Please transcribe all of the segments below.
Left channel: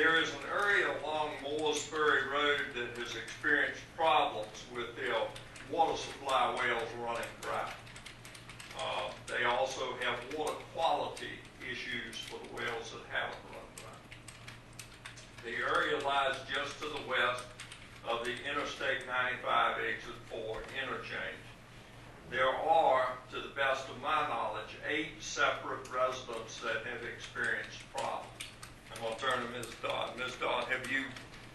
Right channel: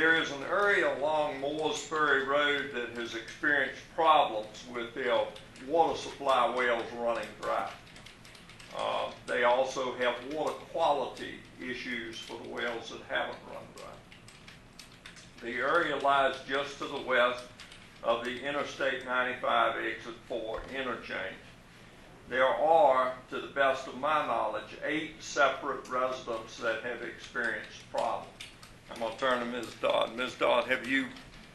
There is an area along WaterMooresFerryRoad that has experienced problems with their water supply wells running dry. They also have water quality issues for the wells that haven't run dry. The area lies just to the west of the Interstate 95 Exit 4 interchange. There are, to the best of my knowledge, 8 separate residents that have experienced problems. I'm going to turn to Ms. Dodd. Ms. Dodd, have you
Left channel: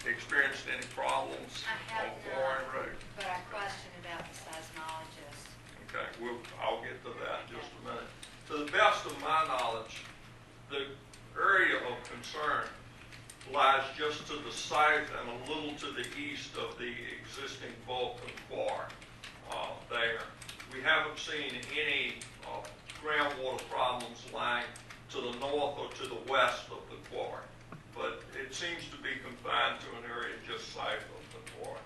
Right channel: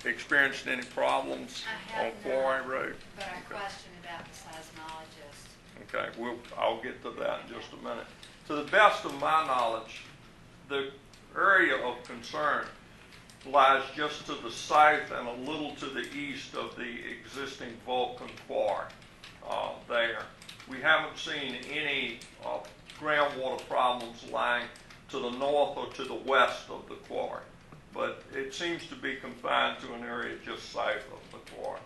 experienced any problems on Quarry Road? But I question about the seismologist. Okay, I'll get to that in just a minute. To the best of my knowledge, the area of concern lies just to the south and a little to the east of the existing Vulcan quarry there. We haven't seen any groundwater problems lying to the north or to the west of the quarry, but it seems to be confined to an area just south of the quarry.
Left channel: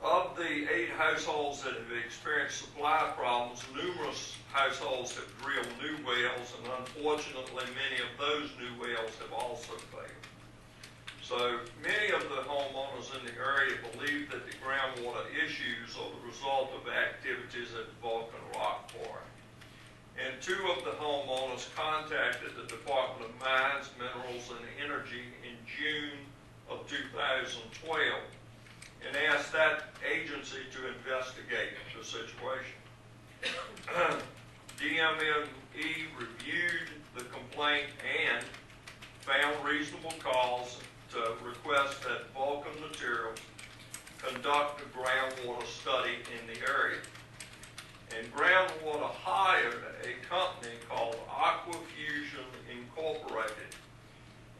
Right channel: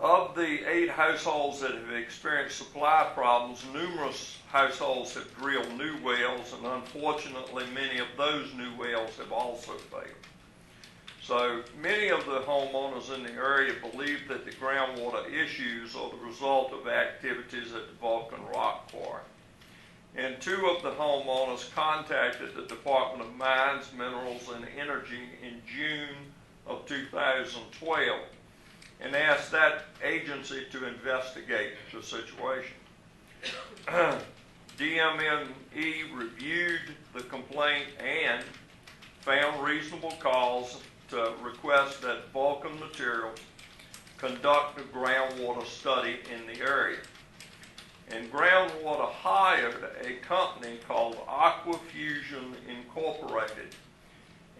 Of the 8 households that have experienced supply problems, numerous households have drilled new wells, and unfortunately many of those new wells have also failed. So many of the homeowners in the area believe that the groundwater issues are the result of activities at the Vulcan Rock Quarry. And 2 of the homeowners contacted the Department of Mines, Minerals, and Energy in June of 2012 and asked that agency to investigate the situation. DMME reviewed the complaint and found reasonable cause to request that Vulcan Materials conduct a groundwater study in the area. And Groundwater hired a company called Aquafusion Incorporated.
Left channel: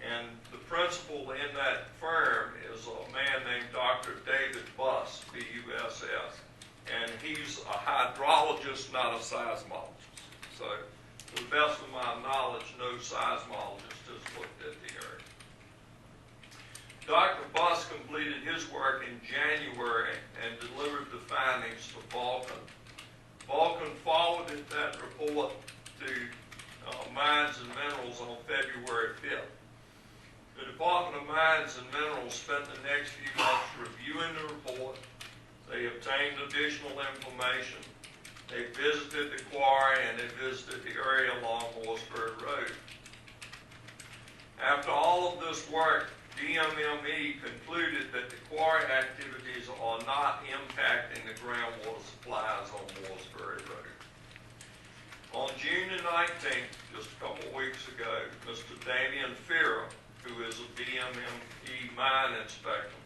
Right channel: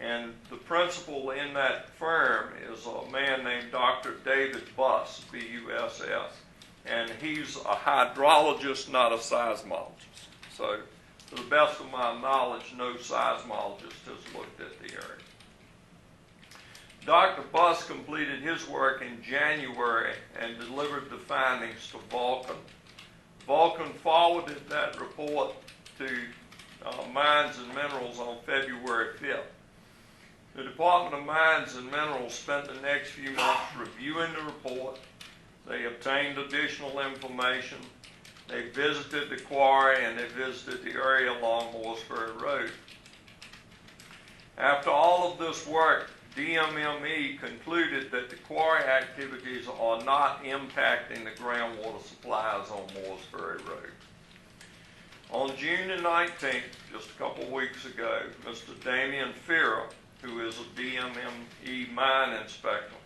And the principal in that firm is a man named Dr. David Buss, B-U-S-S. And he's a hydrologist, not a seismologist. So, to the best of my knowledge, no seismologist has looked at the area. Dr. Buss completed his work in January and delivered the findings to Vulcan. Vulcan forwarded that report to Mines and Minerals on February 5th. The Department of Mines and Minerals spent the next few months reviewing the report. They obtained additional information. They visited the quarry and they visited the area along WaterMooresFerryRoad. After all of this work, DMME concluded that the quarry activities are not impacting the groundwater supplies on WaterMooresFerryRoad. On June the 19th, just a couple weeks ago, Mr. Damian Ferrer, who is a DMME mine inspector,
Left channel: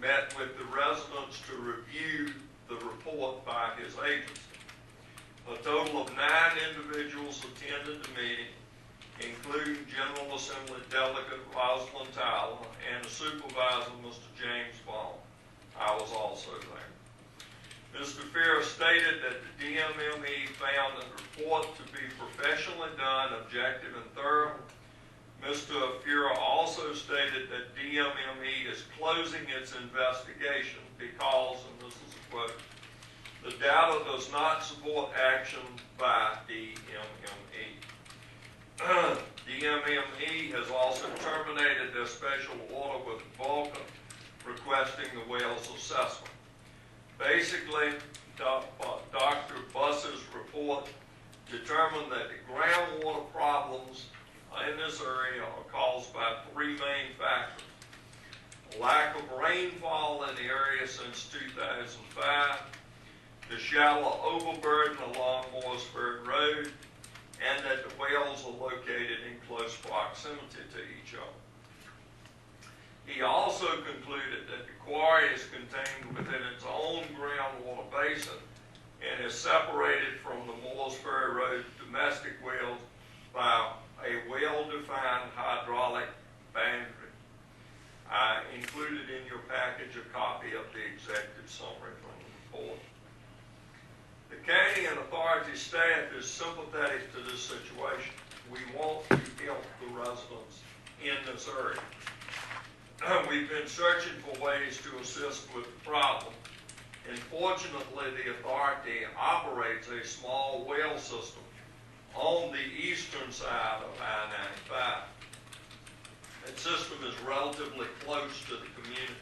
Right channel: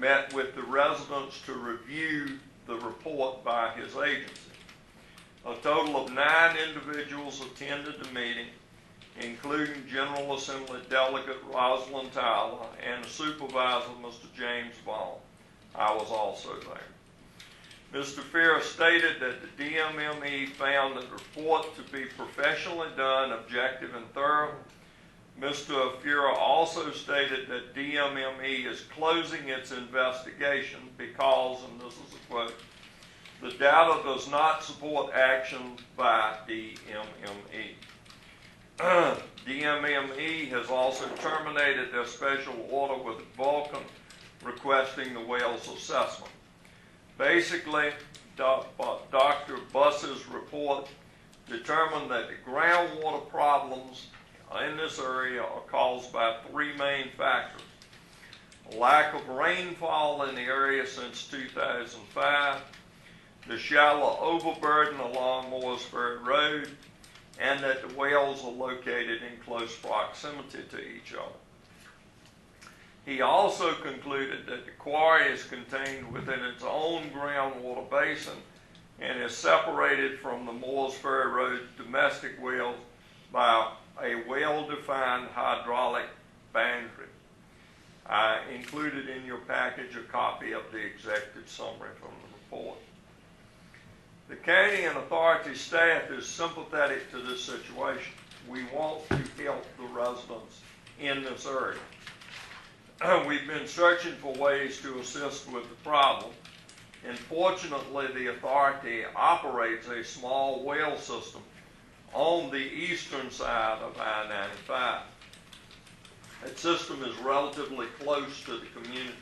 met with the residents to review the report by his agency. A total of 9 individuals attended the meeting, including General Assembly Delegate Rosalind Tyler and the supervisor, Mr. James Bond. I was also there. Mr. Ferrer stated that the DMME found the report to be professionally done, objective, and thorough. Mr. Ferrer also stated that DMME is closing its investigation because, and this is a quote, the data does not support action by DMME. DMME has also terminated their special order with Vulcan requesting the well's assessment. Basically, Dr. Buss's report determined that the groundwater problems in this area are caused by 3 main factors. A lack of rainfall in the area since 2005, the shallow overburden along WaterMooresFerryRoad, and that the wells are located in close proximity to each other. He also concluded that the quarry is contained within its own groundwater basin and is separated from the WaterMooresFerryRoad domestic wells by a well-defined hydraulic boundary. I included in your package a copy of the executive summary from the report. The county and authority staff is sympathetic to this situation. We want to help the residents in this area. We've been searching for ways to assist with the problem, and fortunately the authority operates a small well system on the eastern side of I-95. That system is relatively close to the community.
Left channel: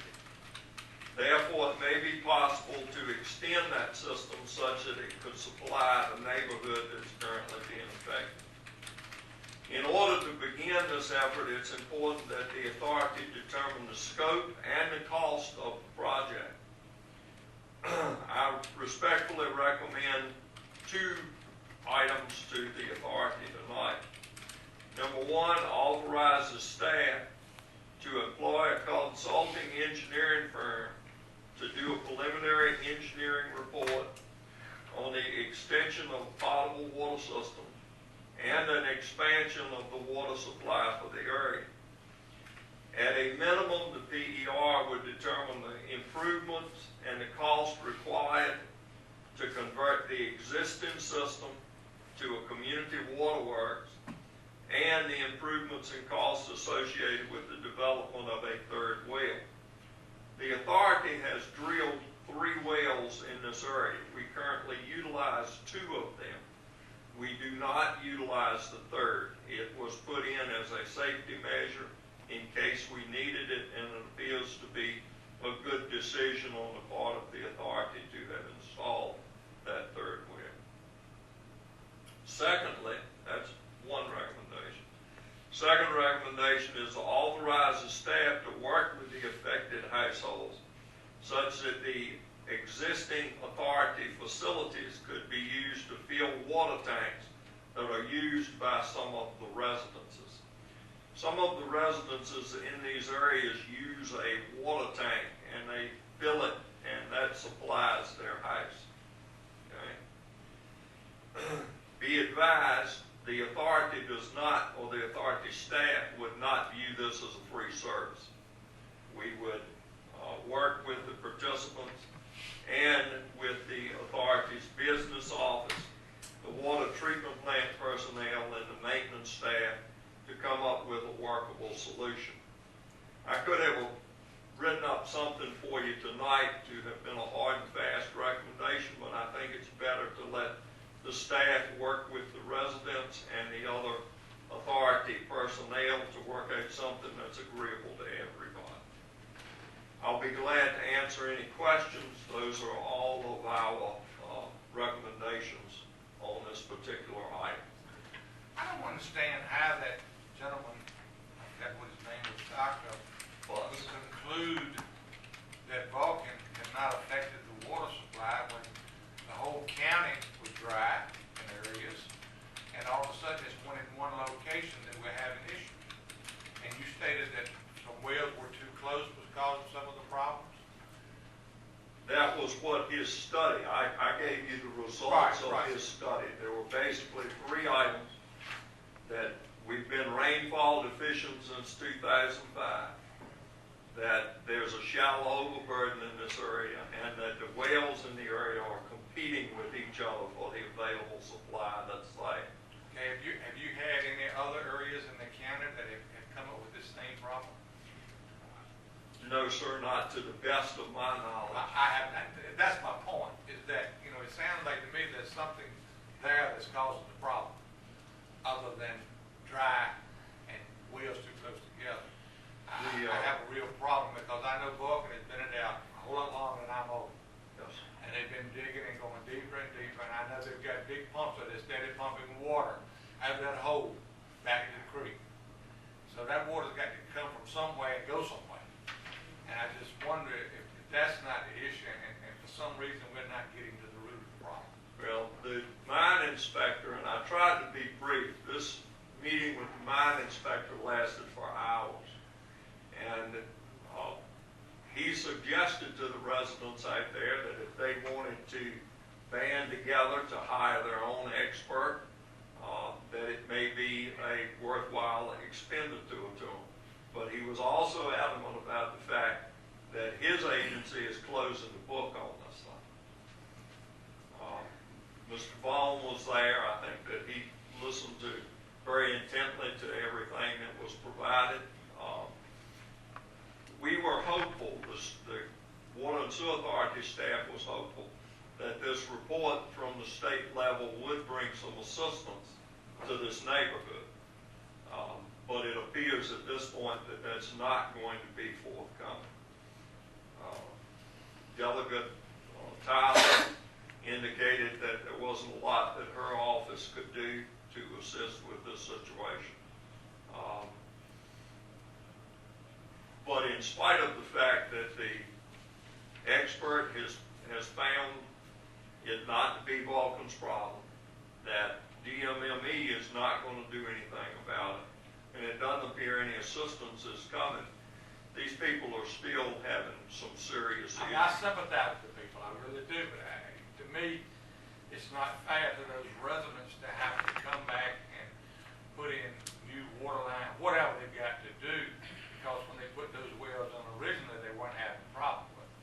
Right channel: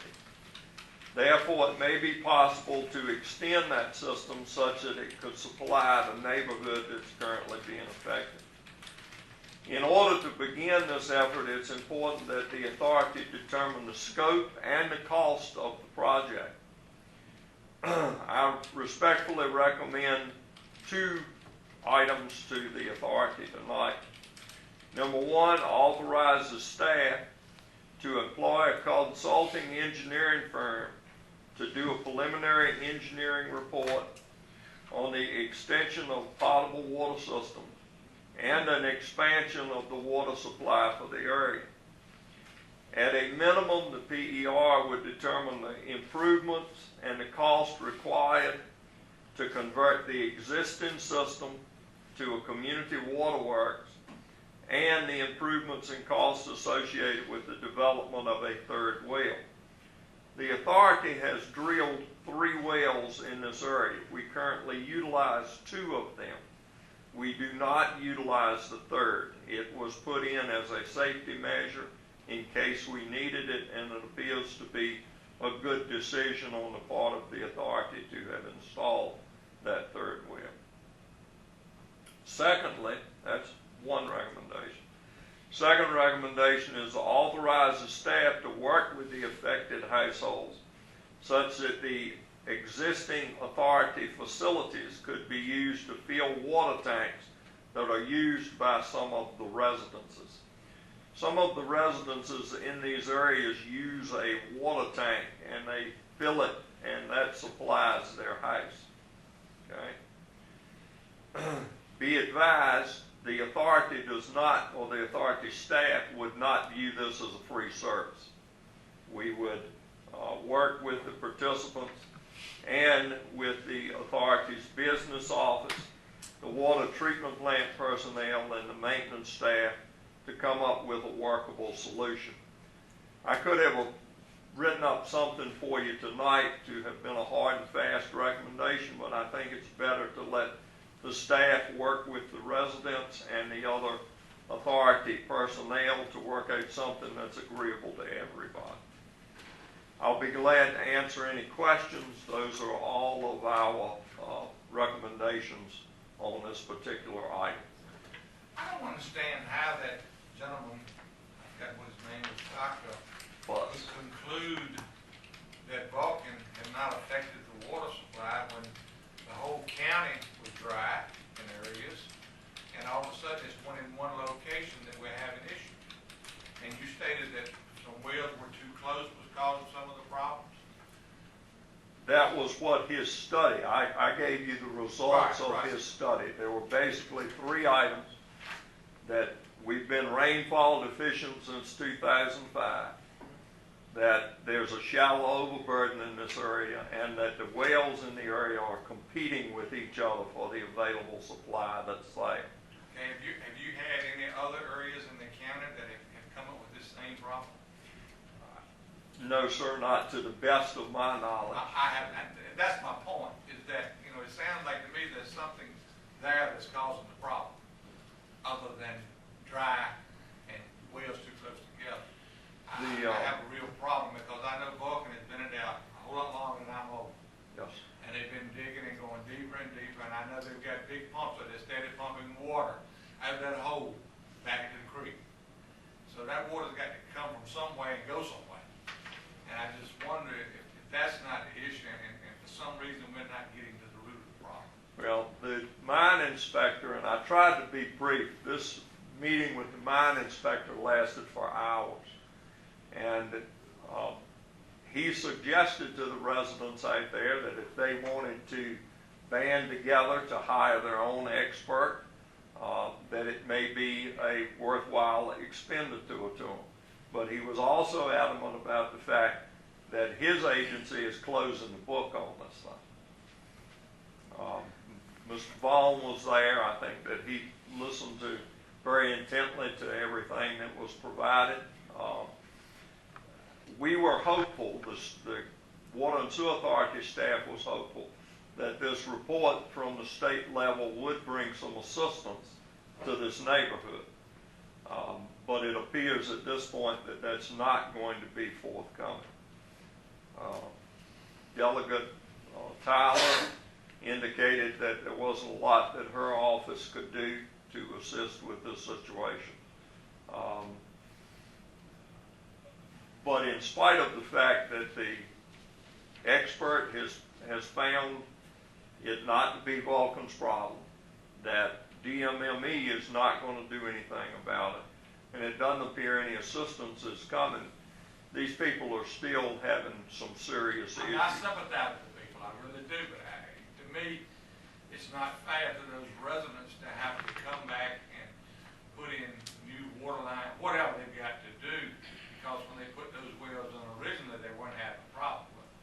Therefore, it may be possible to extend that system such that it could supply the neighborhood that's currently being affected. In order to begin this effort, it's important that the authority determine the scope and the cost of the project. I respectfully recommend two items to the authority tonight. Number one, authorize the staff to employ a consulting engineering firm to do a preliminary engineering report on the extension of potable water systems and an expansion of the water supply for the area. At a minimum, the PER would determine the improvements and the cost required to convert the existing system to a community waterworks and the improvements and costs associated with the development of a third well. The authority has drilled 3 wells in this area. We currently utilize 2 of them. We do not utilize the third. It was put in as a safety measure in case we needed it, and it appears to be a good decision on the part of the authority to have installed that third well. Secondly, that's one recommendation. Second recommendation is to authorize the staff to work with the affected households such that the existing authority facilities could be used to fill water tanks that are used by some of the residences. Some of the residences in these areas use a water tank and they fill it and that supplies their house. Okay? Be advised, the authority does not, or the authority staff would not view this as a free service. We would work with the participants and with the authority's business office, the water treatment plant personnel, and the maintenance staff to come up with a workable solution. I could have written up something for you tonight to have been a hard and fast recommendation, but I think it's better to let the staff work with the residents and the other authority personnel to work out something that's agreeable to everybody. I'll be glad to answer any questions. Those are all of our recommendations on this particular item. I don't understand how that gentleman, I forgot what his name was, Doctor, Plus, would conclude that Vulcan had not affected the water supply when the whole county was dry in areas, and all of a sudden it's in one location that we're having issues. And you stated that some wells were too close was causing some of the problems? that was what his study, I gave you the results of his study. There were basically 3 items: that we've been rainfall deficient since 2005, that there's a shallow overburden in this area, and that the wells in the area are competing with each other for the available supply that's there. Okay, have you had any other areas in the county that have come up with this same problem? No, sir, not to the best of my knowledge. I have, that's my point, is that, it sounds like to me there's something there that's causing the problem, other than dry and wells too close together. I have a real problem because I know Vulcan has been in there a whole lot longer than I'm old. Yes. And they've been digging and going deeper and deeper, and I know they've got big pumps that are steady pumping water out of that hole back into the creek. So that water's got to come from somewhere and go somewhere. And I just wonder if that's not the issue, and for some reason we're not getting to the root of the problem. Well, the mine inspector, and I tried to be brief, this meeting with the mine inspector lasted for hours. And he suggested to the residents out there that if they wanted to band together to hire their own expert, that it may be a worthwhile expenditure to them. But he was also adamant about the fact that his agency is closing the book on this thing. Mr. Vaughn was there. I think that he listened to very intently to everything that was provided. We were hopeful, the Water and Sewer Authority staff was hopeful, that this report from the state level would bring some assistance to this neighborhood. But it appears at this point that that's not going to be forthcoming. Delegate Tyler indicated that there wasn't a lot that her office could do to assist with this situation. But in spite of the fact that the expert has found it not to be Vulcan's problem, that DMME is not going to do anything about it, and it doesn't appear any assistance is coming, these people are still having some serious issues. I sympathize with the people, I really do, but to me, it's not fair to those residents to have to come back and put in new water line, whatever they've got to do, because when they put those wells on originally, they weren't having a problem with it.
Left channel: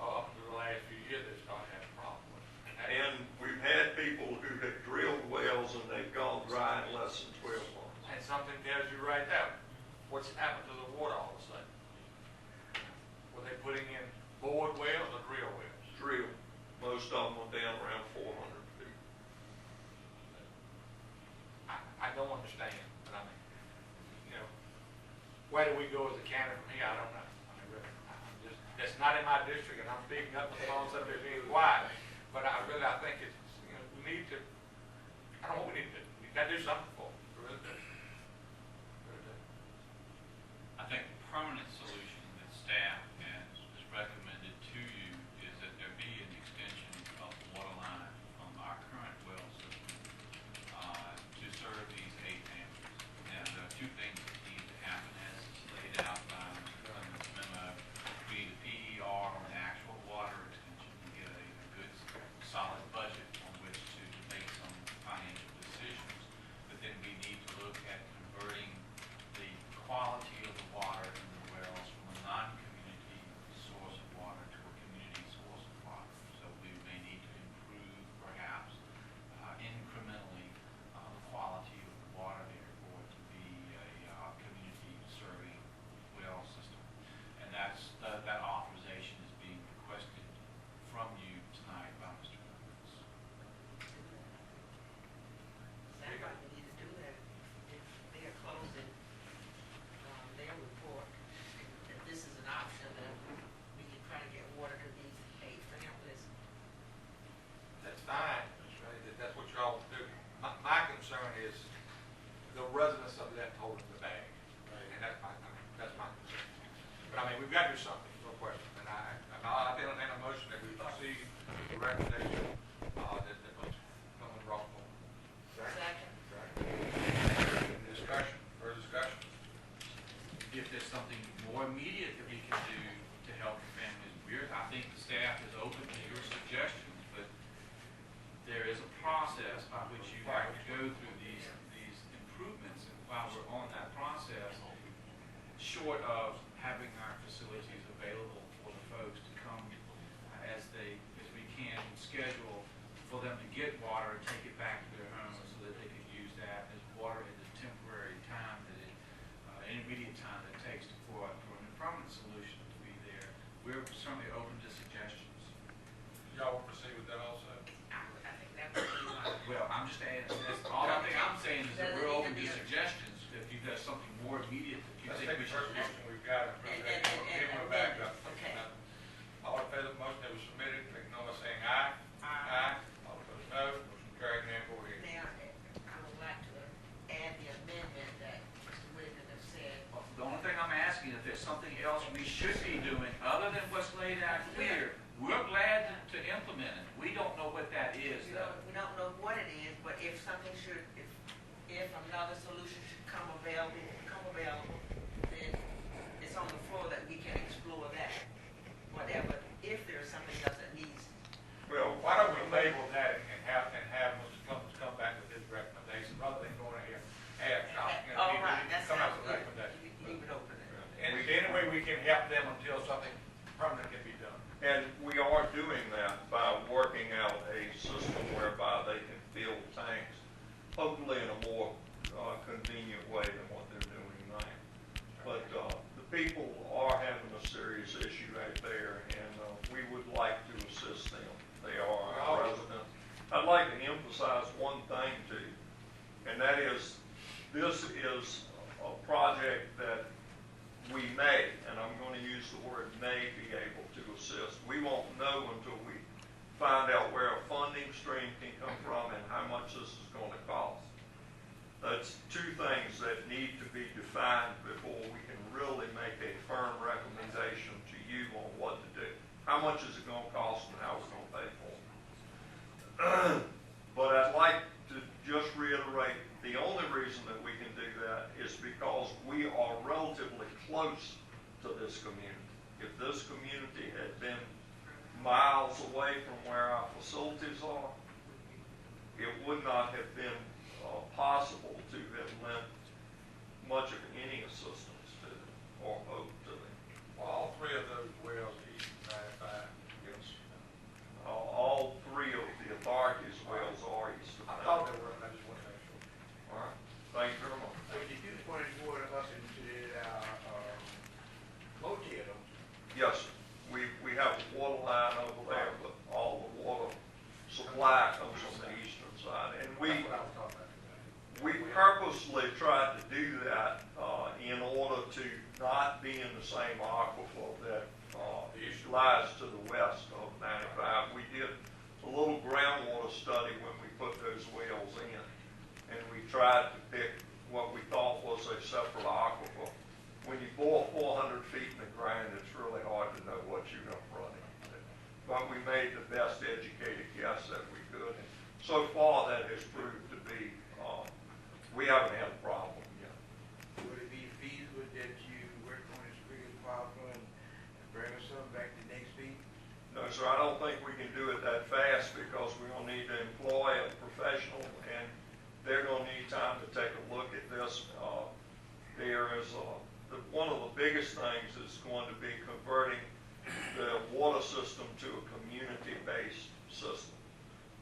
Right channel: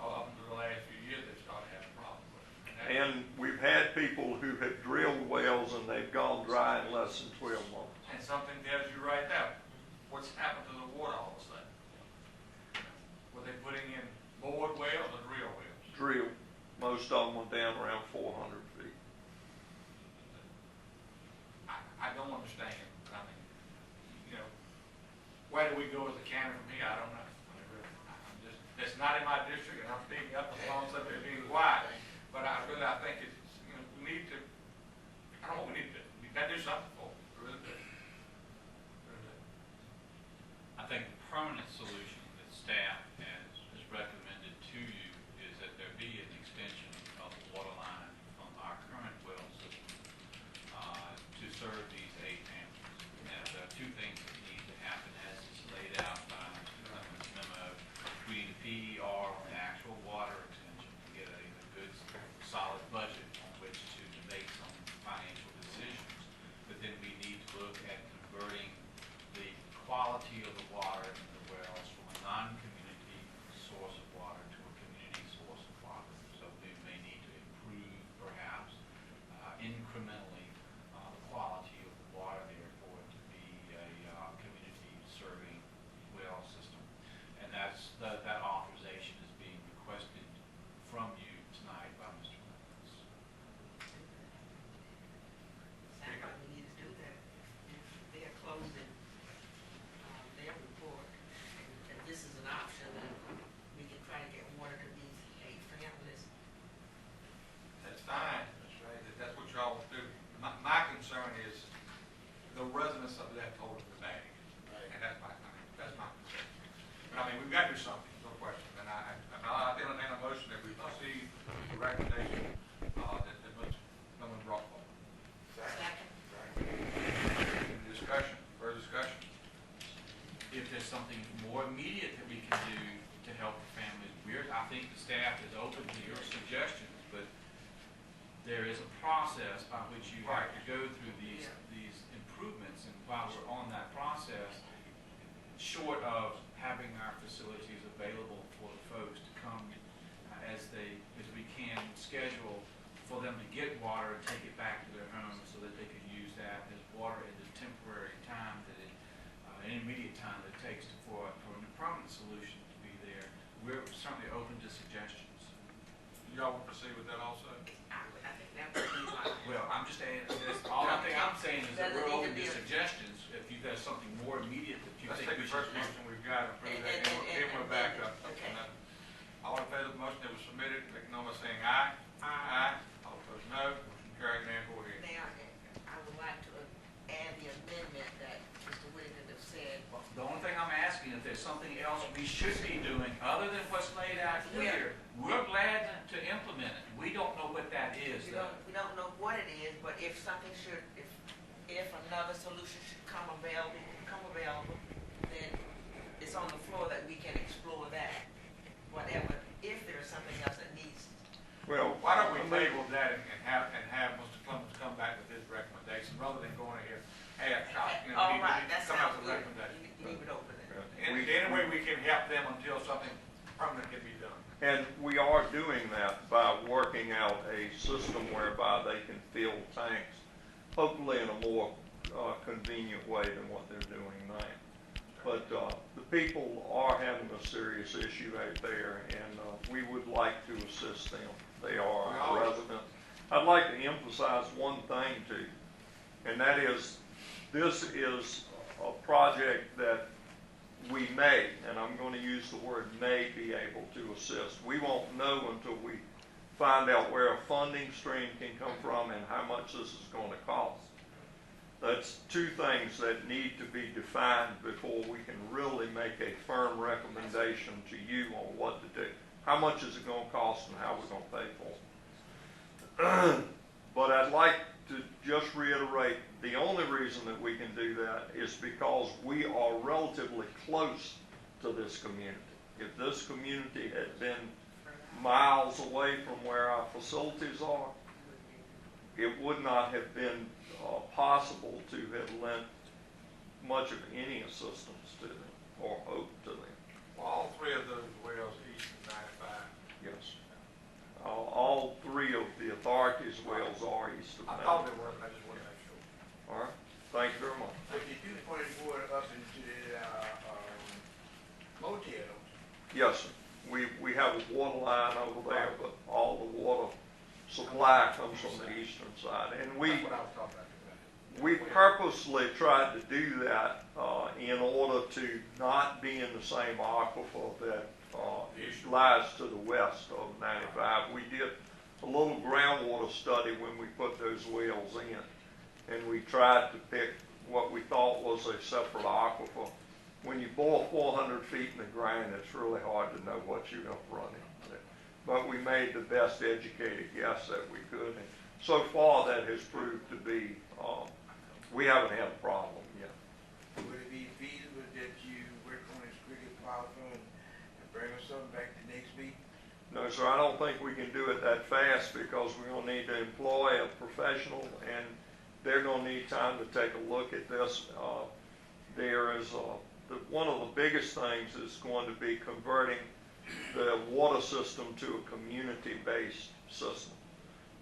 Up until the last few years, they started having a problem with it. And we've had people who have drilled wells and they've gone dry in less than 12 months. And something tells you right there, what's happened to the water all of a sudden? Were they putting in bored wells or drill wells? Drill. Most of them were down around 400 feet. I don't understand, but I mean, you know, where do we go as a county from here? I don't know. I mean, really, I'm just, that's not in my district, and I'm speaking up for the ones up there being quiet. But I think it's, you know, we need to, I don't know what we need to do. We got to do something for it. We really do. Really do. I think the permanent solution that staff has recommended to you is that there be an extension of the water line from our current well system to serve these 8 families. Now, there are 2 things that need to happen as is laid out by Clemens' memo. We need a PER on the actual water extension and get a good, solid budget on which to make some financial decisions. But then we need to look at converting the quality of the water in the wells from a non-community source of water to a community source of water. So we may need to improve, perhaps, incrementally, the quality of the water there for it to be a community serving well system. And that authorization is being requested from you tonight by Mr. Clemens. Sounds like we need to do that. If they're closing their report, and this is an option, then we can try to get water to these 8 families. That's fine, that's right, that's what y'all do. My concern is the residents are left holding the bag. And that's my concern. But I mean, we've got to do something, no question. And I did entertain a motion that we proceed with the recommendation that Mr. Clemens brought forward. Second. Any discussion, further discussion? If there's something more immediate that we can do to help the families, I think the staff is open to your suggestions, but there is a process by which you have to go through these improvements, and while we're on that process, short of having our facilities available for the folks to come as we can schedule for them to get water and take it back to their homes so that they can use that as water in the temporary time that intermediate time that it takes for a permanent solution to be there. We're certainly open to suggestions. Y'all want to proceed with that also? I think that would be like, Well, I'm just adding, all I think I'm saying is that we're open to suggestions. If you've got something more immediate that you Let's think take we the should first do. motion we've got and prove that, then we'll back up. Okay. All in favor of the motion that was submitted, let know by saying aye. Aye. All opposed, no. Motion carried, then go ahead. Mayor, I would like to add the amendment that Mr. Whitaker has said. Well, the only thing I'm asking, if there's something else we should be doing other than what's laid out here, we're glad to implement it. We don't know what that is, though. We don't know what it is, but if something should, if another solution should come available, then it's on the And that is, this is a project that we may, and I'm going to use the word may, be able to assist. We won't know until we find out where a funding stream can come from and how much this is going to cost. That's two things that need to be defined before we can really make a firm recommendation to you on what to do. How much is it going to cost and how we're going to pay for it. But I'd like to just reiterate, the only reason that we can do that is because we are relatively close to this community. If this community had been miles away from where our facilities are, it would not have been possible to have lent much of any assistance to them or hope to them. Well, all three of those wells east of 95. Yes. All three of the authorities' wells are east of I 95. thought they were, I just wanted to make sure. All right. Thank you very much. So you do point water up into the motel, don't you? Yes, sir. We have a water line over there, but all the water supply comes from the eastern side. And That's what I was talking about. we purposely tried to do that in order to not be in the same aquifer that lies to the west of 95. We did a little groundwater study when we put those wells in, and we tried to pick what we thought was a separate aquifer. When you bore 400 feet in the ground, it's really hard to know what you're going to run into. But we made the best educated guess that we could. And so far, that has proved to be, we haven't had a problem yet. Would it be feasible that you work on this cricket power fund and bring us something back to next meeting? No, sir, I don't think we can do it that fast because we're going to need to employ a professional, and they're going to need time to take a look at this. There is one of the biggest things is going to be converting the water system to a community-based system.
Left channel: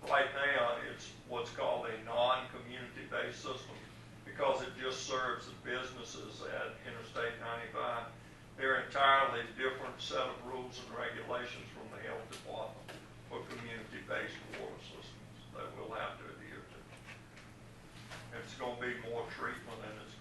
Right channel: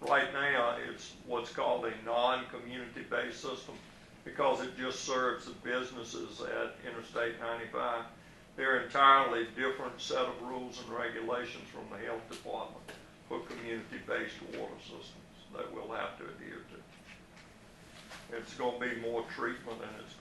Right now, it's what's called a non-community-based system because it just serves the businesses at Interstate 95. They're entirely different set of rules and regulations from the health department for community-based water systems that we'll have to adhere to. It's going to be more treatment and it's